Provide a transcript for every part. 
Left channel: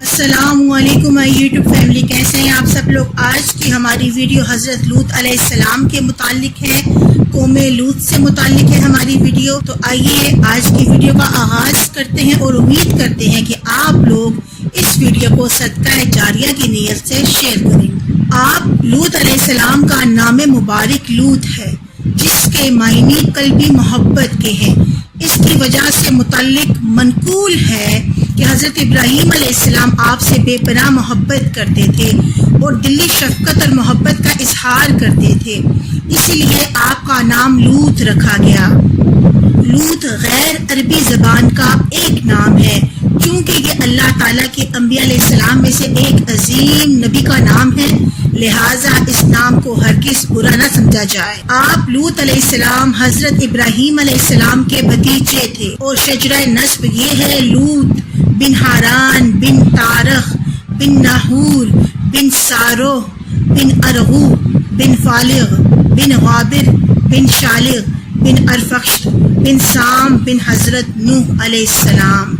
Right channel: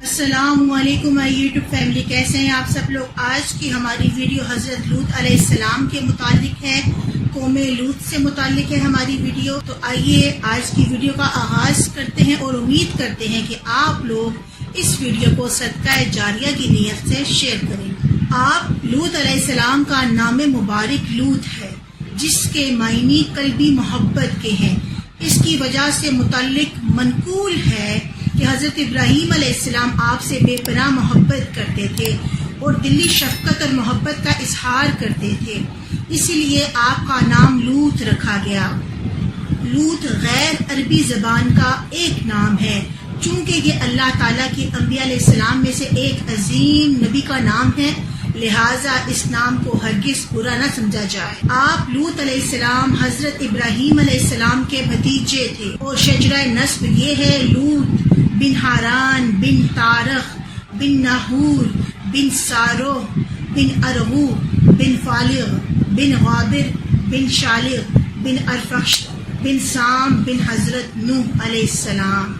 السلام علیکم YouTube family, کیسے ہیں آپ سب لوگ؟ آج کی ہماری ویڈیو حضرت لوط علیہ السلام کے متعلق ہے، قوم لوط سے متعلق ہے ہماری ویڈیو۔ تو آئیے آج کی ویڈیو کا آغاز کرتے ہیں اور امید کرتے ہیں کہ آپ لوگ اس ویڈیو کو صدقہ جاریہ کی نیت سے شیئر کریں۔ آپ لوط علیہ السلام کا نام مبارک لوط ہے، جس کے معنی قلبی محبت کے ہیں۔ اس کی وجہ سے متعلق منقول ہے کہ حضرت ابراہیم علیہ السلام آپ سے بے پناہ محبت کرتے تھے اور دلی شفقت اور محبت کا اظہار کرتے تھے، اسی لیے آپ کا نام لوط رکھا گیا۔ لوط غیر عربی زبان کا ایک نام ہے، چونکہ یہ اللہ تعالیٰ کے انبیاء علیہ السلام میں سے ایک عظیم نبی کا نام ہے، لہٰذا اس نام کو ہرگز برا نہ سمجھا جائے۔ آپ لوط علیہ السلام حضرت ابراہیم علیہ السلام کے بھتیجے تھے اور شجرہ نسب یہ ہے: لوط بن حاران بن تارخ بن ناہور بن سارو بن ارغو بن فالغ بن غابر بن شالغ بن ارفخشد بن سام بن حضرت نوح علیہ السلام۔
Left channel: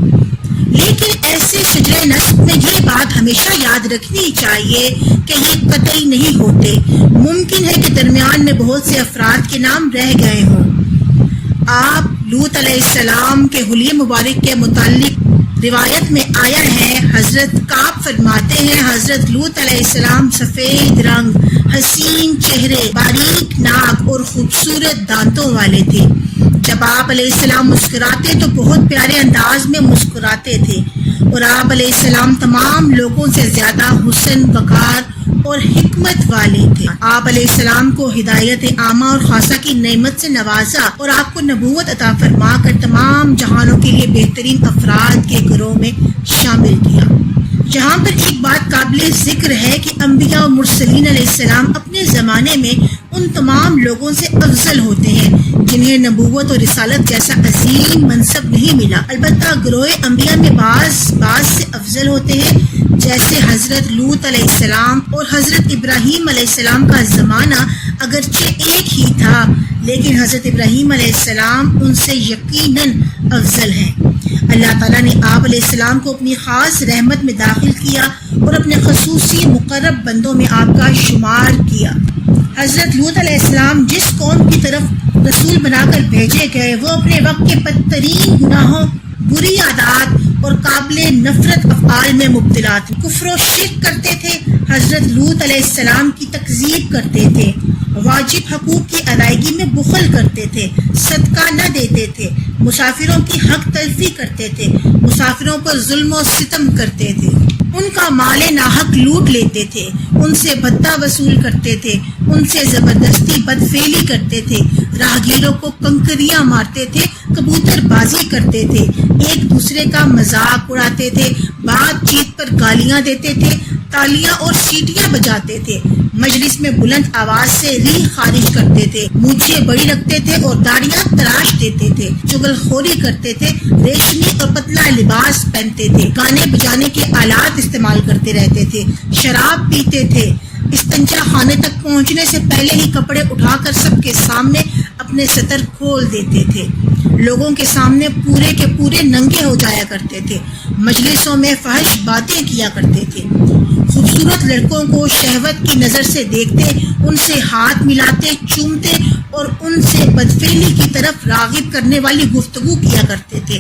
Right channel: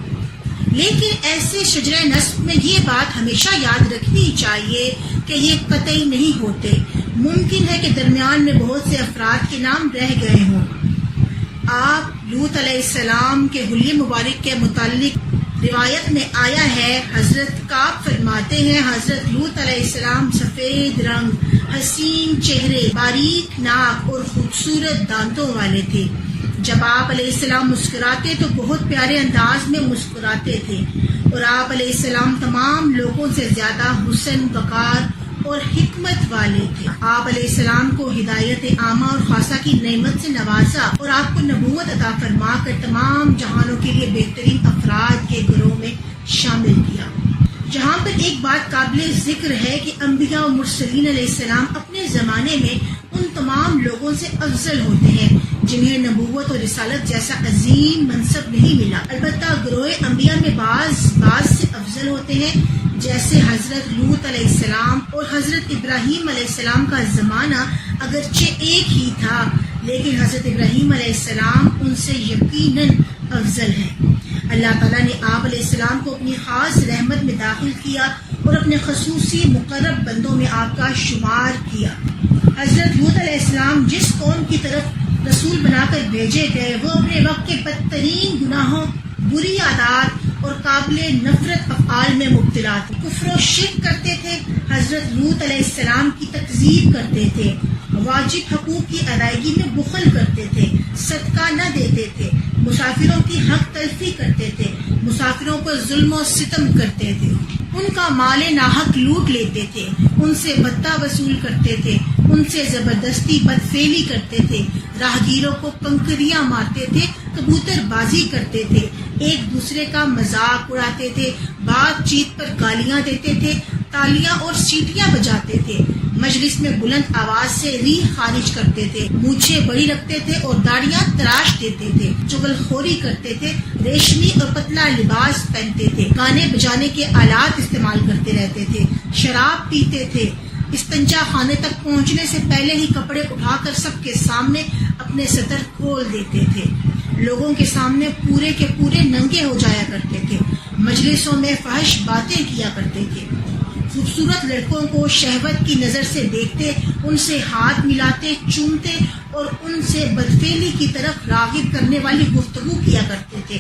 لیکن ایسے شجرہ نسب میں یہ بات ہمیشہ یاد رکھنی چاہیے کہ یہ قطعی نہیں ہوتے، ممکن ہے کہ درمیان میں بہت سے افراد کے نام رہ گئے ہوں۔ آپ لوط علیہ السلام کے حلیے مبارک کے متعلق روایت میں آیا ہے، حضرت کعب فرماتے ہیں حضرت لوط علیہ السلام سفید رنگ، حسین چہرے، باریک ناک اور خوبصورت دانتوں والے تھے۔ جب آپ علیہ السلام مسکراتے تو بہت پیارے انداز میں مسکراتے تھے، اور آپ علیہ السلام تمام لوگوں سے زیادہ حسن، وقار اور حکمت والے تھے۔ آپ علیہ السلام کو ہدایت عامہ اور خاصہ کی نعمت سے نوازا اور آپ کو نبوت عطا فرما کر تمام جہانوں کے لیے بہترین افراد کے گروہ میں شامل کیا۔ جہاں پر ایک بات قابل ذکر ہے کہ انبیاء و مرسلین علیہ السلام اپنے زمانے میں ان تمام لوگوں سے افضل ہوتے ہیں جنہیں نبوت اور رسالت جیسا عظیم منصب نہیں ملا، البتہ گروہ انبیاء میں بعض سے افضل ہوتے ہیں، جیسے حضرت لوط علیہ السلام اور حضرت ابراہیم علیہ السلام کا زمانہ اگرچہ ایک ہی تھا، لیکن حضرت ابراہیم علیہ السلام ان سے یقیناً افضل ہیں۔ اللہ تعالیٰ نے آپ علیہ السلام کو اپنی خاص رحمت میں داخل کیا اور اپنے خصوصی مقرب بندوں میں آپ کا شمار کیا۔ حضرت لوط علیہ السلام جس قوم کی طرف رسول بنا کر بھیجے گئے، وہ اپنے وقت کے بدترین گناہوں، بری عادات اور قابل نفرت افعال میں مبتلا تھے۔ کفر و شرک کرتے تھے، حضرت لوط علیہ السلام کی تکذیب کرتے تھے، واجب حقوق کی ادائیگی میں بخل کرتے تھے، صدقہ نہ دیتے تھے، مسافروں کی حق تلفی کرتے تھے، مسافروں پر ظلم و ستم کرتے تھے، ان کا مال ناحق لوٹ لیتے تھے، ان سے بھتہ وصول کرتے تھے، ان سے زبردستی بدفعلی کرتے تھے، راہگیروں کو کنکریاں مارتے تھے، کبوتر بازی کرتے تھے، ایک دوسرے کا مذاق اڑاتے تھے، بات چیت پر گالیاں دیتے تھے، تالیاں اور سیٹیاں بجاتے تھے، مجلس میں بلند آواز سے ریح خارج کرتے تھے، مونچھیں بڑی رکھتے تھے اور داڑیاں تراش دیتے تھے، چغل خوری کرتے تھے، ریشمی اور پتلا لباس پہنتے تھے، گانے بجانے کے آلات استعمال کرتے رہتے تھے، شراب پیتے تھے، استنجا خانے تک پہنچنے سے پہلے ہی کپڑے اٹھا کر سب کے سامنے اپنے سطر کھول دیتے تھے، لوگوں کے سامنے پورے کے پورے ننگے ہو جایا کرتے تھے، مجلسوں میں فحش باتیں کیا کرتے تھے، خوبصورت لڑکوں کو شہوت کی نظر سے دیکھتے، ان سے ہاتھ ملاتے، چومتے اور ان سے بدفعلی کی طرف راغب کرنے والی گفتگو کیا کرتے تھے۔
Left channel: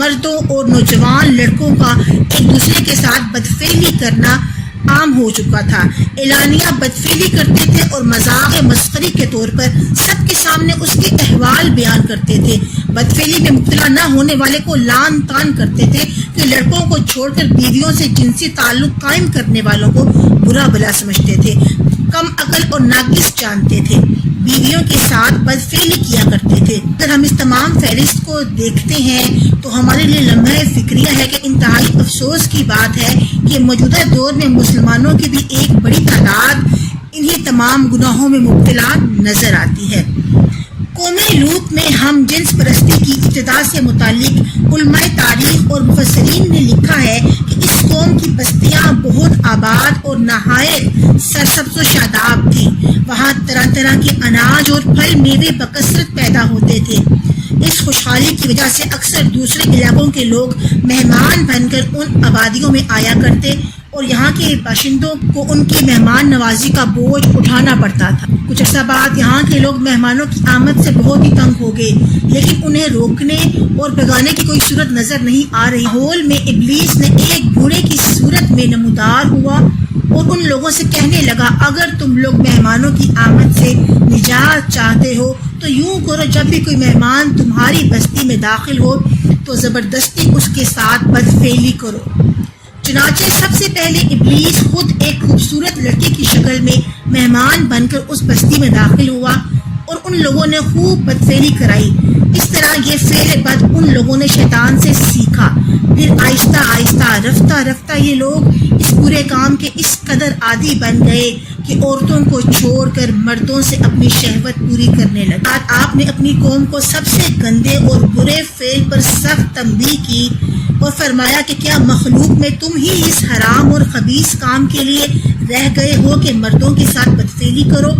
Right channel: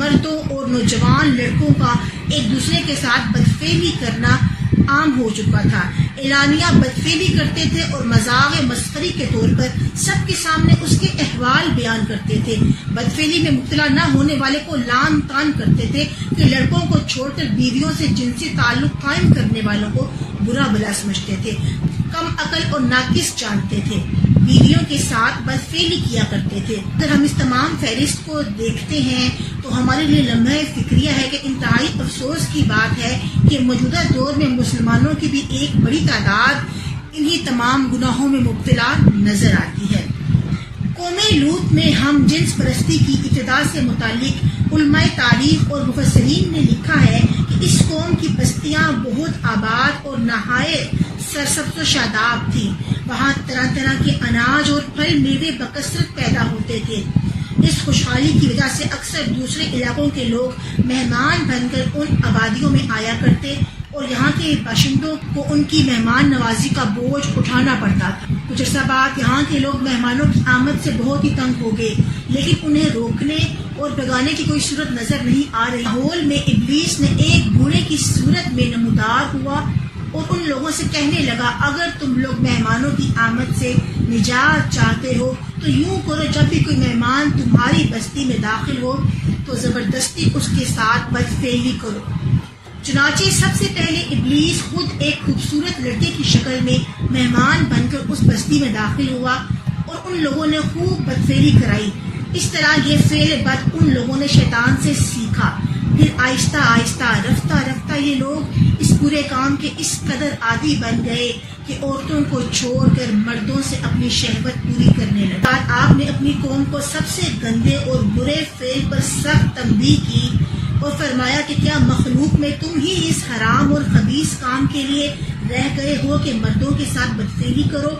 مردوں اور نوجوان لڑکوں کا ایک دوسرے کے ساتھ بدفعلی کرنا عام ہو چکا تھا، اعلانیہ بدفعلی کرتے تھے اور مذاق مسخری کے طور پر سب کے سامنے اس کے احوال بیان کرتے تھے۔ بدفعلی میں مبتلا نہ ہونے والے کو لعن طعن کرتے تھے کہ لڑکوں کو چھوڑ کر بیویوں سے جنسی تعلق قائم کرنے والوں کو برا بلا سمجھتے تھے، کم عقل اور ناقص جانتے تھے، بیویوں کے ساتھ بدفعلی کیا کرتے تھے۔ اگر ہم اس تمام فہرست کو دیکھتے ہیں تو ہمارے لیے لمحہ فکریہ ہے کہ انتہائی افسوس کی بات ہے کہ موجودہ دور میں مسلمانوں کی بھی ایک بڑی تعداد انہی تمام گناہوں میں مبتلا نظر آتی ہے۔ قوم لوط میں ہم جنس پرستی کی ابتدا سے متعلق علماء تاریخ اور مفسرین نے لکھا ہے کہ اس قوم کی بستیاں بہت آباد اور نہایت سرسبز و شاداب تھیں، وہاں طرح طرح کے اناج اور پھل میوے بکثرت پیدا ہوتے تھے، اس خوشحالی کی وجہ سے اکثر دوسرے علاقوں کے لوگ مہمان بن کر ان آبادیوں میں آیا کرتے اور یہاں کے باشندوں کو ان کی مہمان نوازی کا بوجھ اٹھانا پڑتا تھا۔ کچھ عرصہ بعد یہاں کے لوگ مہمانوں کی آمد سے بہت ہی تنگ ہو گئے، لیکن انہیں روکنے اور بھگانے کی کوئی صورت نظر نہیں آ رہی۔ ماحول میں ابلیس نے ایک بوڑھے کی صورت میں نمودار ہوا اور ان لوگوں سے کہنے لگا، اگر تم لوگ مہمانوں کی آمد سے نجات چاہتے ہو تو یوں کرو، جب بھی کوئی مہمان تمہاری بستی میں داخل ہو تو زبردستی اس کے ساتھ بدفعلی کرو۔ چنانچہ سب سے پہلے ابلیس خود ایک خوبصورت لڑکی کی شکل میں مہمان بن کر اس بستی میں داخل ہوا اور ان لوگوں نے خوب بدفعلی کرائی۔ اس طرح یہ فعل بد ان لوگوں نے شیطان سے سیکھا۔ پھر آہستہ آہستہ رفتہ رفتہ یہ لوگ اس برے کام کے اس قدر عادی بن گئے کہ عورتوں کو چھوڑ کر مردوں سے اپنی شہوت پوری کرنے لگے۔ آپ نے اپنی قوم کو سب سے گندے اور برے فعل پر سخت تنبیہ کی اور فرمایا کہ کیا مخلوق میں تم ہی اس حرام اور خبیث کام کے لیے رہ گئے ہو کہ مردوں کے ساتھ بدفعلی کرو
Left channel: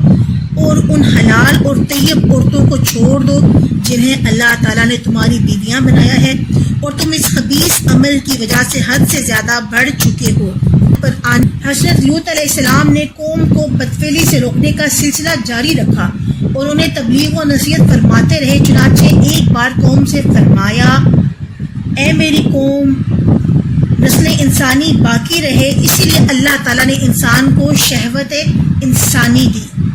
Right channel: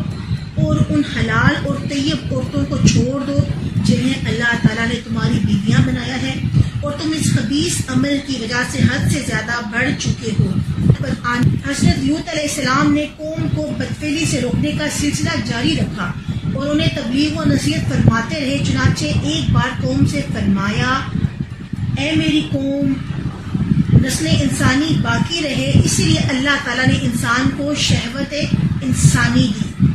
اور ان حلال اور طیب عورتوں کو چھوڑ دو جنہیں اللہ تعالیٰ نے تمہاری بیویاں بنایا ہے، اور تم اس خبیث عمل کی وجہ سے حد سے زیادہ بڑھ چکے ہو۔ حضرت لوط علیہ السلام نے قوم کو بدفعلی سے روکنے کا سلسلہ جاری رکھا اور انہیں تبلیغ و نصیحت فرماتے رہے۔ چنانچہ ایک بار قوم سے فرمایا، اے میری قوم، نسل انسانی باقی رہے، اسی لیے اللہ تعالیٰ نے انسان کو شہوت انسانی دی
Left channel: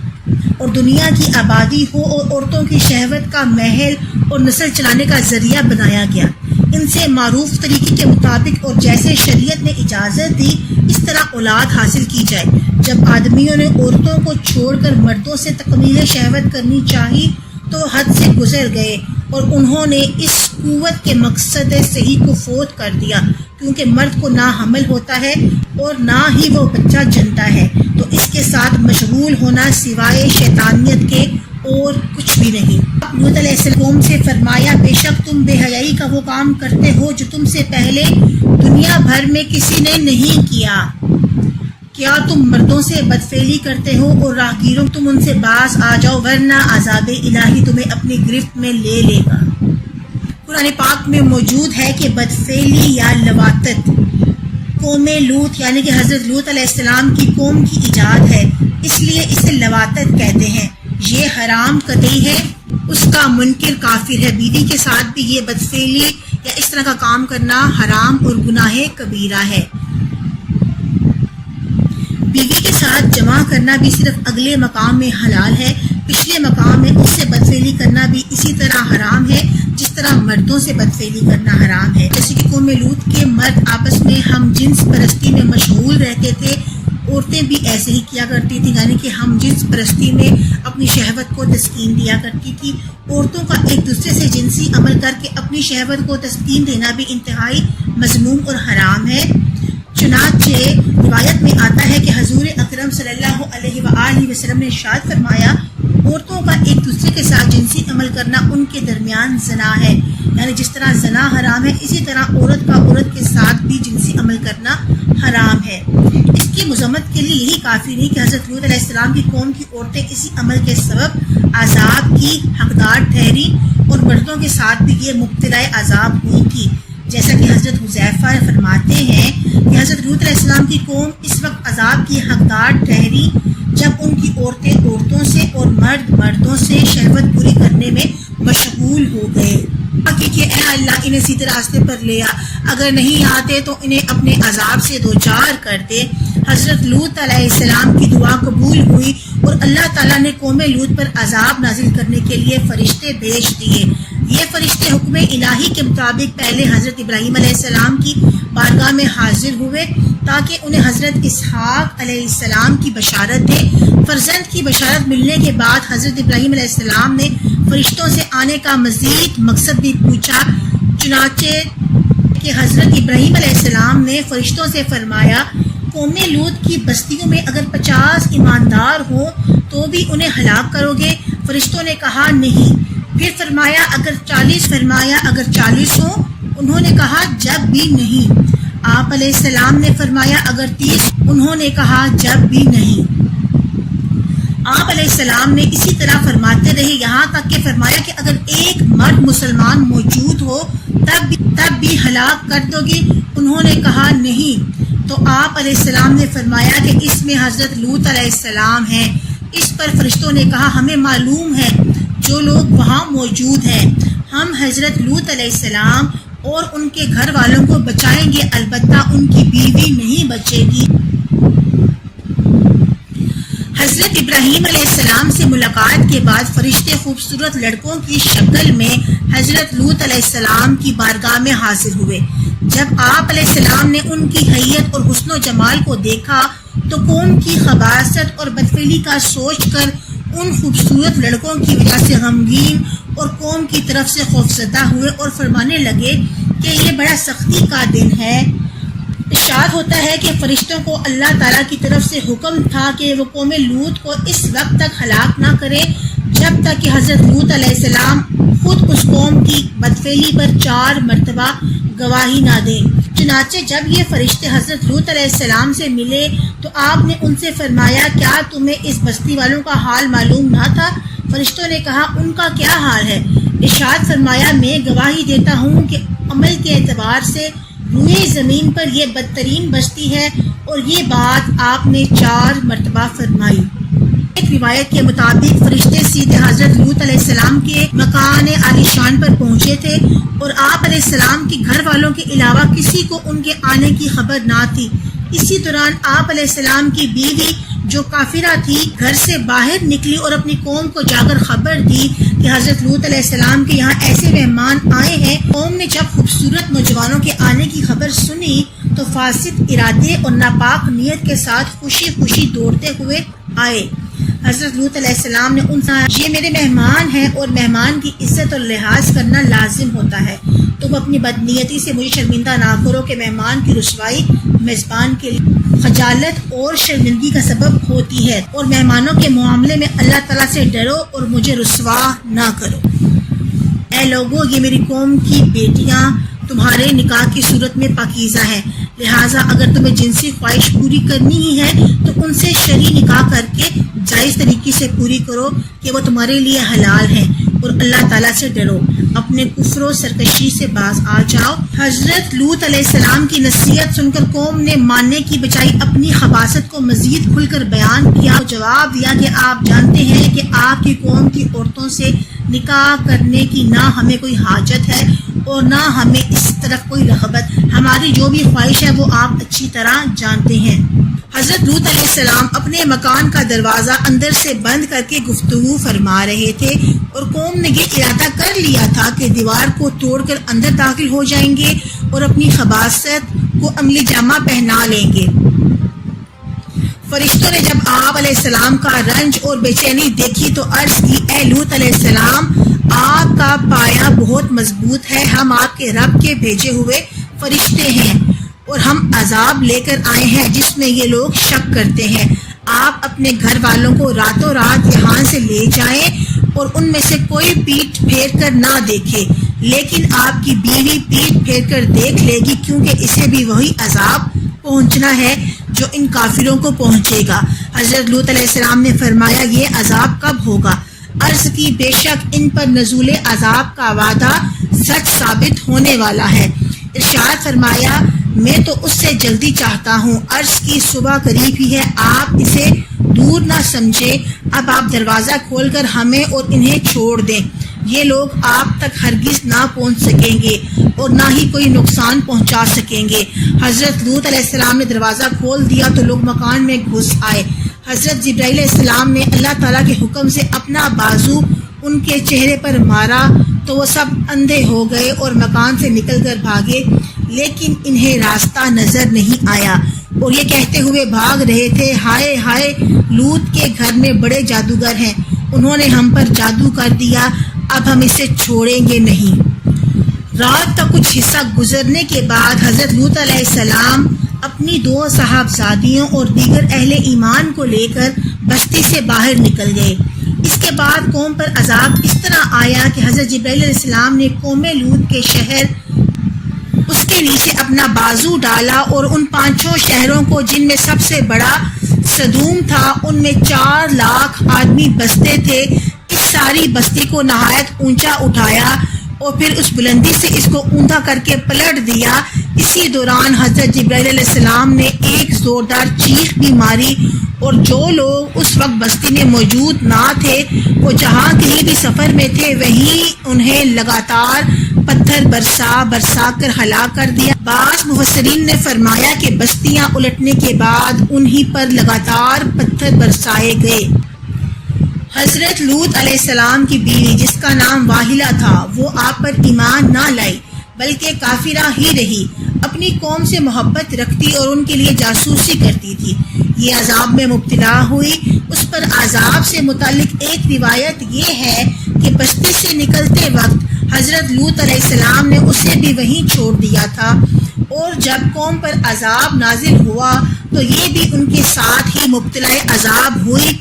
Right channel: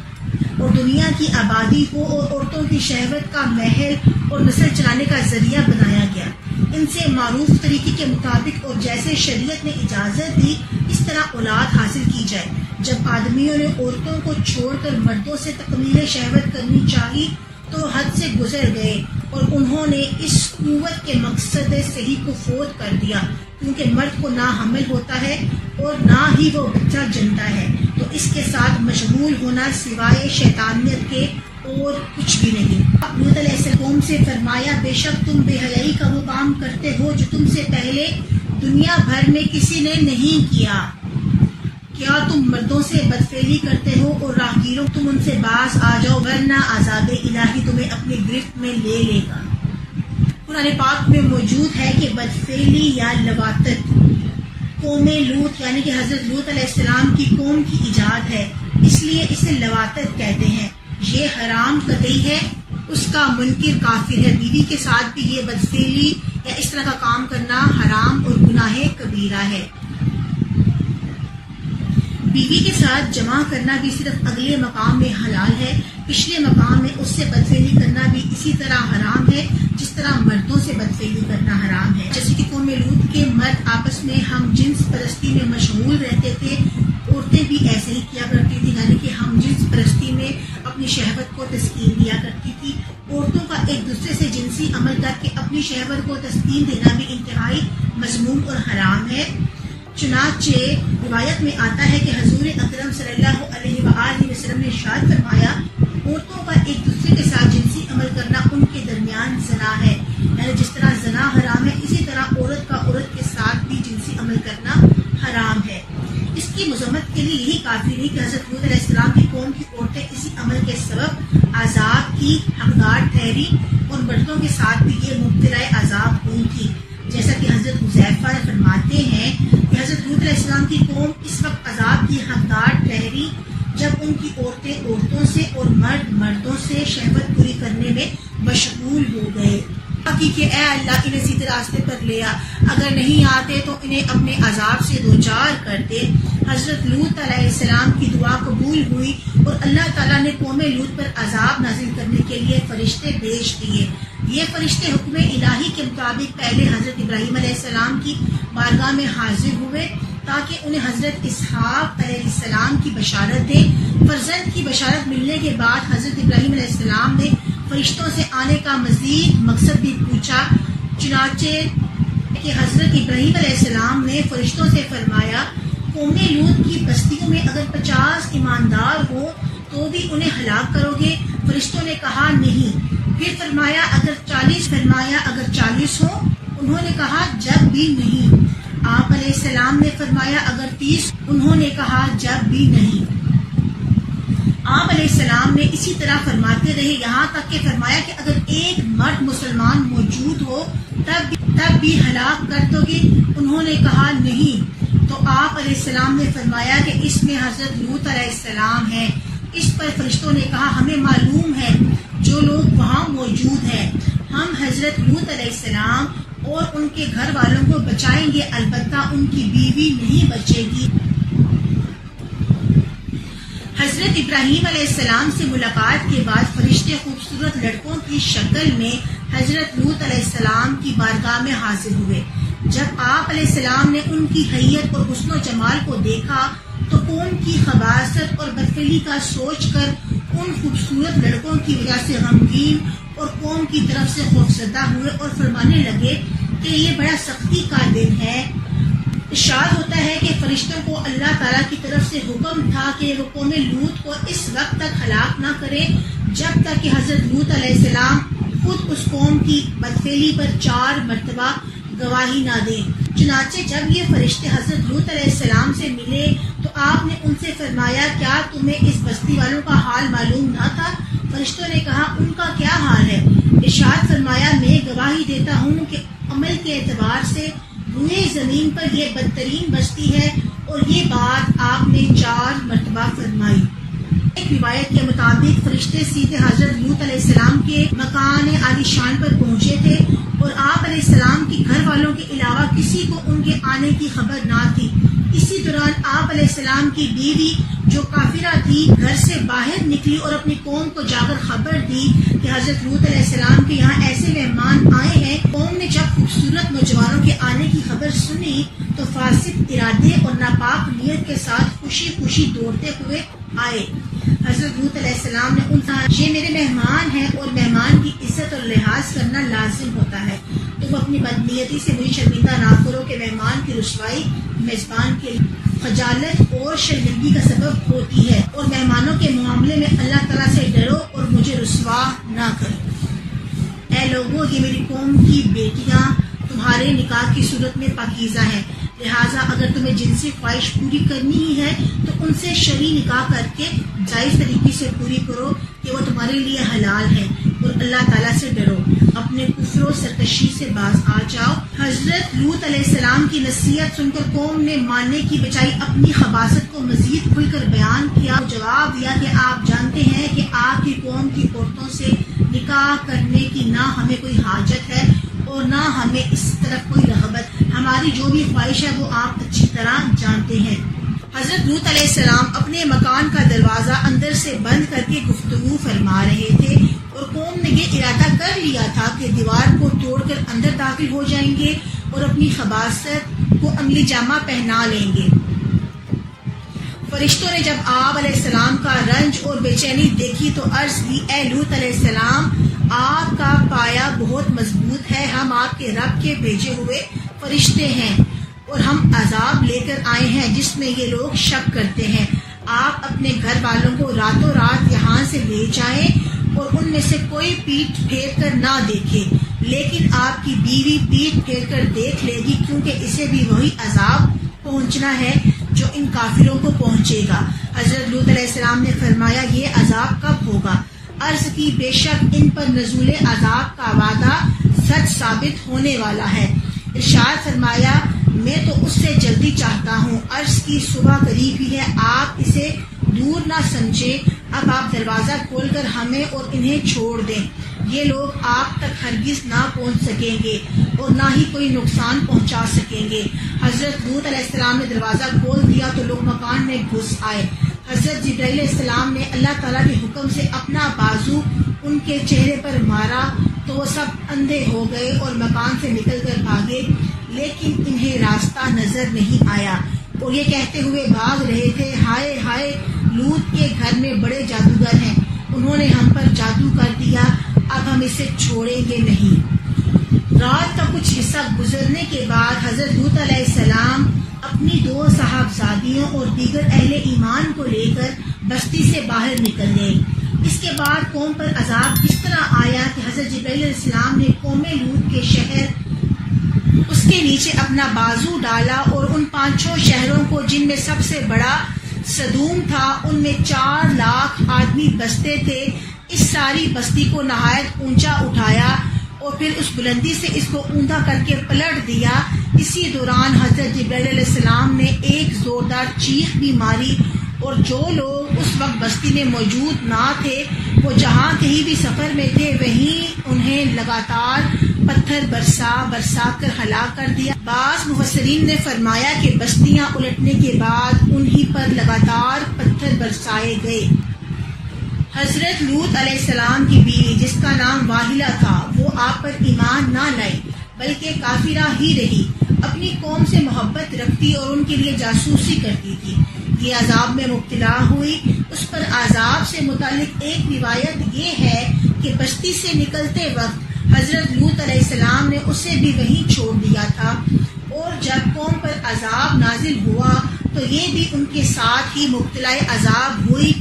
اور دنیا کی آبادی ہو اور عورتوں کی شہوت کا محل اور نسل چلانے کا ذریعہ بنایا گیا۔ ان سے معروف طریقے کے مطابق اور جیسے شریعت نے اجازت دی اس طرح اولاد حاصل کی جائے۔ جب آدمیوں نے عورتوں کو چھوڑ کر مردوں سے تکمیل شہوت کرنی چاہی تو حد سے گزر گئے اور انہوں نے اس قوت کے مقصد صحیح کو فوت کر دیا، کیونکہ مرد کو نہ حمل ہوتا ہے اور نہ ہی وہ بچہ جنتا ہے، تو اس کے ساتھ مشغول ہونا سوائے شیطانیت کے اور کچھ بھی نہیں۔ لوط علیہ السلام سے فرمایا، بے شک تم بے حیائی کا وہ کام کرتے ہو جو تم سے پہلے دنیا بھر میں کسی نے نہیں کیا۔ کیا تم مردوں سے بدفعلی کرتے ہو اور راہگیروں تم ان سے باز آ جاؤ، ورنہ عذاب الہی تمہیں اپنی گرفت میں لے لے گا۔ قرآن پاک میں موجود ہے کہ بدفعلی یا لواطت قوم لوط یعنی کہ حضرت لوط علیہ السلام کی قوم کی ایجاد ہے، اس لیے اسے لواطت کہتے ہیں۔ یہ حرام قطعی ہے، اس کا منکر کافر ہے۔ بیوی کے ساتھ بھی یہ بدفعلی یا اس طرح کا کام کرنا حرام اور گناہ کبیرہ ہے۔ بیوی کے ساتھ جمع کرنا بھی صرف اگلے مقام میں حلال ہے، پچھلے مقام میں اس سے بدفعلی کرنا بھی اسی طرح حرام ہے جس طرح مردوں سے بدفعلی کرنا حرام ہے۔ جیسے کہ قوم لوط کے مرد آپس میں ہم جنس پرستی میں مشغول رہتے تھے، عورتیں بھی ایسے ہی کیا کرتی تھیں، یعنی کہ ہم جنس پرستی میں اپنی شہوت کو تسکین دیا کرتی تھی۔ عورتوں کا ایک دوسرے سے جنسی عمل کر کے اپنی شہوت کو تسکین دینا بھی انتہائی مذموم اور حرام ہے۔ چنانچہ روایت میں آتا ہے کہ حضور اکرم صلی اللہ علیہ وآلہ وسلم نے ارشاد فرمایا، عورتوں کا ایک دوسرے کے ساتھ جنسی عمل کرنا ان کے درمیان زنا ہے، یعنی جس طرح زنا حرام ہے اسی طرح عورت کا عورت کے ساتھ بھی جنسی عمل کرنا حرام ہے۔ اس کی مذمت کے لیے یہی کافی نہیں کہ حضرت لوط علیہ السلام کی قوم کی عورتیں اسی عمل کے سبب عذاب کی حقدار ٹھہری اور مردوں کے ساتھ بھی یہ مبتلا عذاب ہوئی تھی، جیسا کہ حضرت حذیفہ فرماتے ہیں کہ حضرت لوط علیہ السلام کی قوم اس وقت عذاب کی حقدار ٹھہری جب ان کی عورتیں عورتوں سے اور مرد مردوں سے شہوت پوری کرنے میں مشغول ہو گئے۔ کہ اے اللہ انہیں سیدھے راستے پر لے آ، اگر نہیں آتے تو انہیں اپنے عذاب سے دوچار کر دے۔ حضرت لوط علیہ السلام کی دعا قبول ہوئی اور اللہ تعالیٰ نے قوم لوط پر عذاب نازل کرنے کے لیے فرشتے بھیج دیے۔ یہ فرشتے حکم الہی کے مطابق پہلے حضرت ابراہیم علیہ السلام کی بارگاہ میں حاضر ہوئے تاکہ انہیں حضرت اسحاق علیہ السلام کی بشارت دے۔ فرزند کی بشارت ملنے کے بعد حضرت ابراہیم علیہ السلام نے فرشتوں سے آنے کا مزید مقصد بھی پوچھا، چنانچہ کہ حضرت ابراہیم علیہ السلام نے فرشتوں سے فرمایا، قوم لوط کی بستیوں میں اگر 50 ایماندار ہو تو بھی انہیں ہلاک کرو گے؟ فرشتوں نے کہا نہیں۔ پھر فرمایا اگر 40 ہوں؟ انہوں نے کہا جب بھی نہیں۔ آپ علیہ السلام نے فرمایا اگر 30؟ انہوں نے کہا جب بھی نہیں۔ آپ علیہ السلام نے اسی طرح فرماتے رہے، یہاں تک کہ فرمایا کہ اگر ایک مرد مسلمان موجود ہو تب بھی ہلاک کر دو گے؟ انہوں نے کہا نہیں۔ تو آپ علیہ السلام نے فرمایا کہ اس میں حضرت لوط علیہ السلام ہیں۔ اس پر فرشتوں نے کہا ہمیں معلوم ہے جو لوگ وہاں موجود ہیں، ہم حضرت لوط علیہ السلام اور ان کے گھر والوں کو بچائیں گے، البتہ ان کی بیوی نہیں بچے گی۔ حضرت ابراہیم علیہ السلام سے ملاقات کے بعد فرشتے خوبصورت لڑکوں کی شکل میں حضرت لوط علیہ السلام کی بارگاہ میں حاضر ہوئے۔ جب آپ علیہ السلام نے ان کی حیت اور حسن و جمال کو دیکھا تو قوم کی خباثت اور بدفعلی کا سوچ کر ان خوبصورت لڑکوں کی وجہ سے غمگین اور قوم کی طرف سے خوفزدہ ہوئے اور فرمانے لگے کہ یہ بڑا سختی کا دن ہے۔ ارشاد ہوتا ہے کہ فرشتوں کو اللہ تعالیٰ کی طرف سے حکم تھا کہ وہ قوم لوط کو اس وقت تک ہلاک نہ کرے جب تک کہ حضرت لوط علیہ السلام خود اس قوم کی بدفعلی پر 4 مرتبہ گواہی نہ دیں۔ چنانچہ جب یہ فرشتے حضرت لوط علیہ السلام سے ملے تو آپ نے ان سے فرمایا کیا تمہیں اس بستی والوں کا حال معلوم نہ تھا؟ فرشتوں نے کہا ان کا کیا حال ہے؟ ارشاد فرمایا میں گواہی دیتا ہوں کہ عمل کے اعتبار سے روئے زمین پر یہ بدترین بستی ہے، اور یہ بات آپ نے 4 مرتبہ فرمائی۔ ایک روایت کے مطابق فرشتے سیدھے حضرت لوط علیہ السلام کے مکان عالی شان پر پہنچے تھے، اور آپ علیہ السلام کے گھر والوں کے علاوہ کسی کو ان کے آنے کی خبر نہ تھی۔ اسی دوران آپ علیہ السلام کی بیوی جو کافرہ تھی گھر سے باہر نکلی اور اپنی قوم کو جا کر خبر دی کہ حضرت لوط علیہ السلام کے یہاں ایسے مہمان آئے ہیں۔ قوم نے جب خوبصورت نوجوانوں کے آنے کی خبر سنی تو فاسد ارادے اور ناپاک نیت کے ساتھ خوشی خوشی دوڑتے ہوئے آئے۔ حضرت لوط علیہ السلام نے ان سے یہ میرے مہمان ہیں اور مہمان کی عزت اور لحاظ کرنا لازم ہوتا ہے، تم اپنی بدنیتی سے مجھے شرمندہ نہ کرو کہ مہمان کی رسوائی میزبان کے لیے خجالت اور شرمندگی کا سبب ہوتی ہے، اور مہمانوں کے معاملے میں اللہ تعالیٰ سے ڈرو اور مجھے رسوا نہ کرو۔ اے لوگو، یہ میری قوم کی بیٹیاں تمہارے نکاح کی صورت میں پاکیزہ ہیں، لہٰذا اگر تمہیں جنسی خواہش پوری کرنی ہی ہے تو ان سے شرعی نکاح کر کے جائز طریقے سے پوری کرو کہ وہ تمہارے لیے حلال ہیں، اور اللہ تعالیٰ سے ڈرو، اپنے کفر و سرکشی سے باز آ جاؤ۔ حضرت لوط علیہ السلام کی نصیحت سن کر قوم نے ماننے کی بجائے اپنی خباثت کو مزید کھل کر بیان کیا، جواب دیا کہ آپ جانتے ہیں کہ آپ کی قوم کی عورتوں سے نکاح کرنے کی نہ ہمیں کوئی حاجت ہے اور نہ ہمیں اس طرف کوئی رغبت، ہماری جو بھی خواہش ہے وہ آپ اچھی طرح جانتے ہیں۔ حضرت لوط علیہ السلام اپنے مکان کا دروازہ اندر سے بند کر کے گفتگو فرما رہے تھے، اور قوم نے یہ ارادہ کر لیا تھا کہ دیوار کو توڑ کر اندر داخل ہو جائیں گے اور اپنی خباثت کو عملی جامہ پہنا لیں گے۔ فرشتوں نے جب آپ علیہ السلام کا رنج اور بے چینی دیکھی تو عرض کی اے لوط علیہ السلام، آپ کا پایا بہت مضبوط ہے، ہم آپ کے رب کے بھیجے ہوئے فرشتے ہیں اور ہم عذاب لے کر آئے ہیں جس میں یہ لوگ شک کرتے ہیں۔ آپ اپنے گھر والوں کو راتوں رات یہاں سے لے جائیں اور ان میں سے کوئی پیٹھ پھیر کر نہ دیکھے، لیکن آپ کی بیوی پیٹھ پھیر کر دیکھ لے گی، کیونکہ اسے بھی وہی عذاب پہنچنا ہے جو ان کافروں کو پہنچے گا۔ حضرت لوط علیہ السلام نے فرمایا یہ عذاب کب ہوگا؟ عرض کی بے شک ان پر نزول عذاب کا وعدہ سچ ثابت ہونے والا ہے۔ ارشاد فرمایا میں تو اس سے جلدی چاہتا ہوں۔ عرض کی صبح قریب ہی ہے، آپ اسے دور نہ سمجھیں، اب آپ دروازہ کھول کر ہمیں اور انہیں چھوڑ دیں، یہ لوگ آپ تک ہرگز نہ پہنچ سکیں گے اور نہ ہی کوئی نقصان پہنچا سکیں گے۔ حضرت لوط علیہ السلام نے دروازہ کھول دیا تو لوگ مکان میں گھس آئے۔ حضرت جبرائیل علیہ السلام نے اللہ تعالیٰ کے حکم سے اپنا بازو ان کے چہرے پر مارا تو وہ سب اندھے ہو گئے اور مکان سے نکل کر بھاگے، لیکن انہیں راستہ نظر نہیں آیا اور یہ کہتے ہوئے بھاگ رہے تھے ہائے ہائے، لوط کے گھر میں بڑے جادوگر ہیں، انہوں نے ہم پر جادو کر دیا، اب ہم اسے چھوڑیں گے نہیں۔ رات کا کچھ حصہ گزرنے کے بعد حضرت لوط علیہ السلام اپنی 2 صاحبزادیوں اور دیگر اہل ایمان کو لے کر بستی سے باہر نکل گئے۔ اس کے بعد قوم پر عذاب اس طرح آیا کہ حضرت جبرائیل علیہ السلام نے قوم لوط کے شہر اس کے نیچے اپنا بازو ڈالا اور ان 5 شہروں کو جن میں سب سے بڑا صدوم تھا، ان میں 4 لاکھ آدمی بستے تھے۔ اس ساری بستی کو نہایت اونچا اٹھایا اور پھر اس بلندی سے اس کو اوندا کر کے پلٹ دیا۔ اسی دوران حضرت جبرائیل علیہ السلام نے ایک زوردار چیخ بھی ماری، اور جو لوگ اس وقت بستی میں موجود نہ تھے وہ جہاں کہیں بھی سفر میں تھے وہیں انہیں لگاتار پتھر برسا کر ہلاک کر دیا۔ بعض مفسرین نے فرمایا کہ بستیاں الٹنے کے بعد انہی پر لگاتار پتھر برسائے گئے۔ حضرت لوط علیہ السلام کی بیوی جس کا نام واحلہ تھا، وہ آپ پر ایمان نہ لائی بلکہ کافرہ ہی رہی، اپنی قوم سے محبت رکھتی اور ان کے لیے جاسوسی کرتی تھی۔ یہ عذاب میں مبتلا ہوئی۔ اس پر عذاب سے متعلق ایک روایت یہ ہے کہ بستی سے نکلتے وقت حضرت لوط علیہ السلام نے اسے بھی وہیں چھوڑ دیا تھا، اور جب قوم پر عذاب نازل ہوا تو یہ بھی ان کے ساتھ ہی مبتلا عذاب ہوئی۔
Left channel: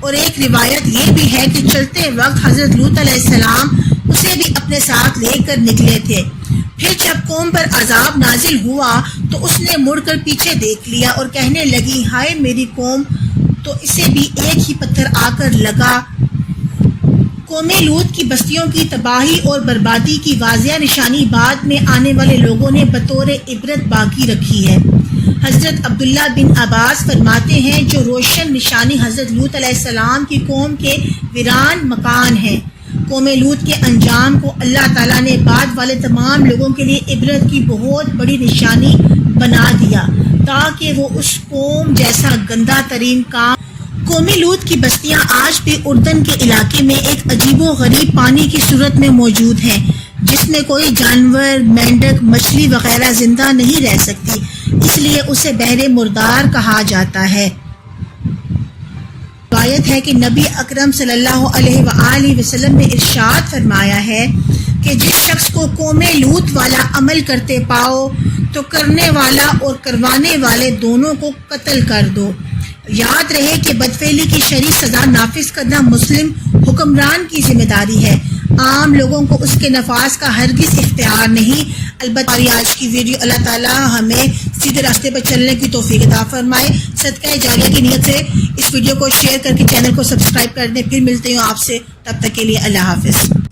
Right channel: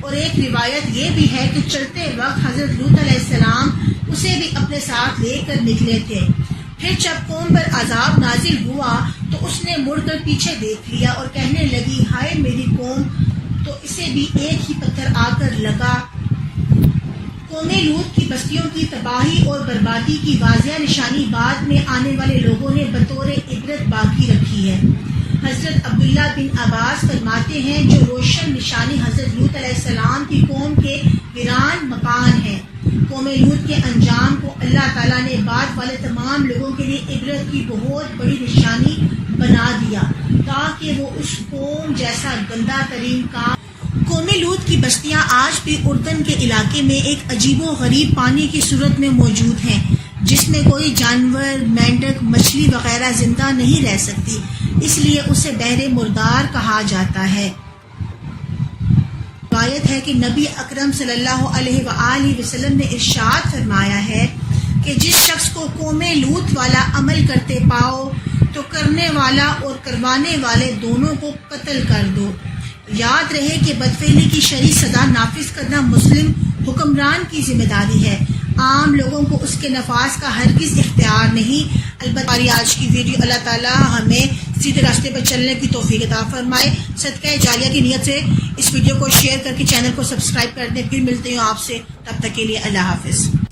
اور ایک روایت یہ بھی ہے کہ چلتے وقت حضرت لوط علیہ السلام اسے بھی اپنے ساتھ لے کر نکلے تھے۔ پھر جب قوم پر عذاب نازل ہوا تو اس نے مڑ کر پیچھے دیکھ لیا اور کہنے لگی، ہائے میری قوم، تو اسے بھی ایک ہی پتھر آ کر لگا۔ قوم لوط کی بستیوں کی تباہی اور بربادی کی واضح نشانی بعد میں آنے والے لوگوں نے بطور عبرت باقی رکھی ہے۔ حضرت عبداللہ بن عباس فرماتے ہیں، جو روشن نشانی حضرت لوط علیہ السلام کی قوم کے ویران مکان ہیں۔ قوم لوط کے انجام کو اللہ تعالیٰ نے بعد والے تمام لوگوں کے لیے عبرت کی بہت بڑی نشانی بنا دیا تاکہ وہ اس قوم جیسا گندہ ترین کام۔ قوم لوط کی بستیاں آج بھی اردن کے علاقے میں ایک عجیب و غریب پانی کی صورت میں موجود ہیں، جس میں کوئی جانور، مینڈک، مچھلی وغیرہ زندہ نہیں رہ سکتی، اس لیے اسے بحر مردار کہا جاتا ہے۔ روایت ہے کہ نبی اکرم صلی اللہ علیہ وآلہ وسلم نے ارشاد فرمایا ہے کہ جس شخص کو قوم لوط والا عمل کرتے پاؤ تو کرنے والا اور کروانے والے دونوں کو قتل کر دو۔ یاد رہے کہ بدفعلی کی شرعی سزا نافذ کرنا مسلم حکمران کی ذمہ داری ہے، عام لوگوں کو اس کے نفاذ کا ہرگز اختیار نہیں۔ البتہ ہماری آج کی ویڈیو اللہ تعالیٰ ہمیں سیدھے راستے پر چلنے کی توفیق عطا فرمائے۔ صدقہ جاریہ کی نیت سے اس ویڈیو کو شیئر کر کے چینل کو سبسکرائب کر دیں۔ پھر ملتے ہیں آپ سے، تب تک کے لیے اللہ حافظ۔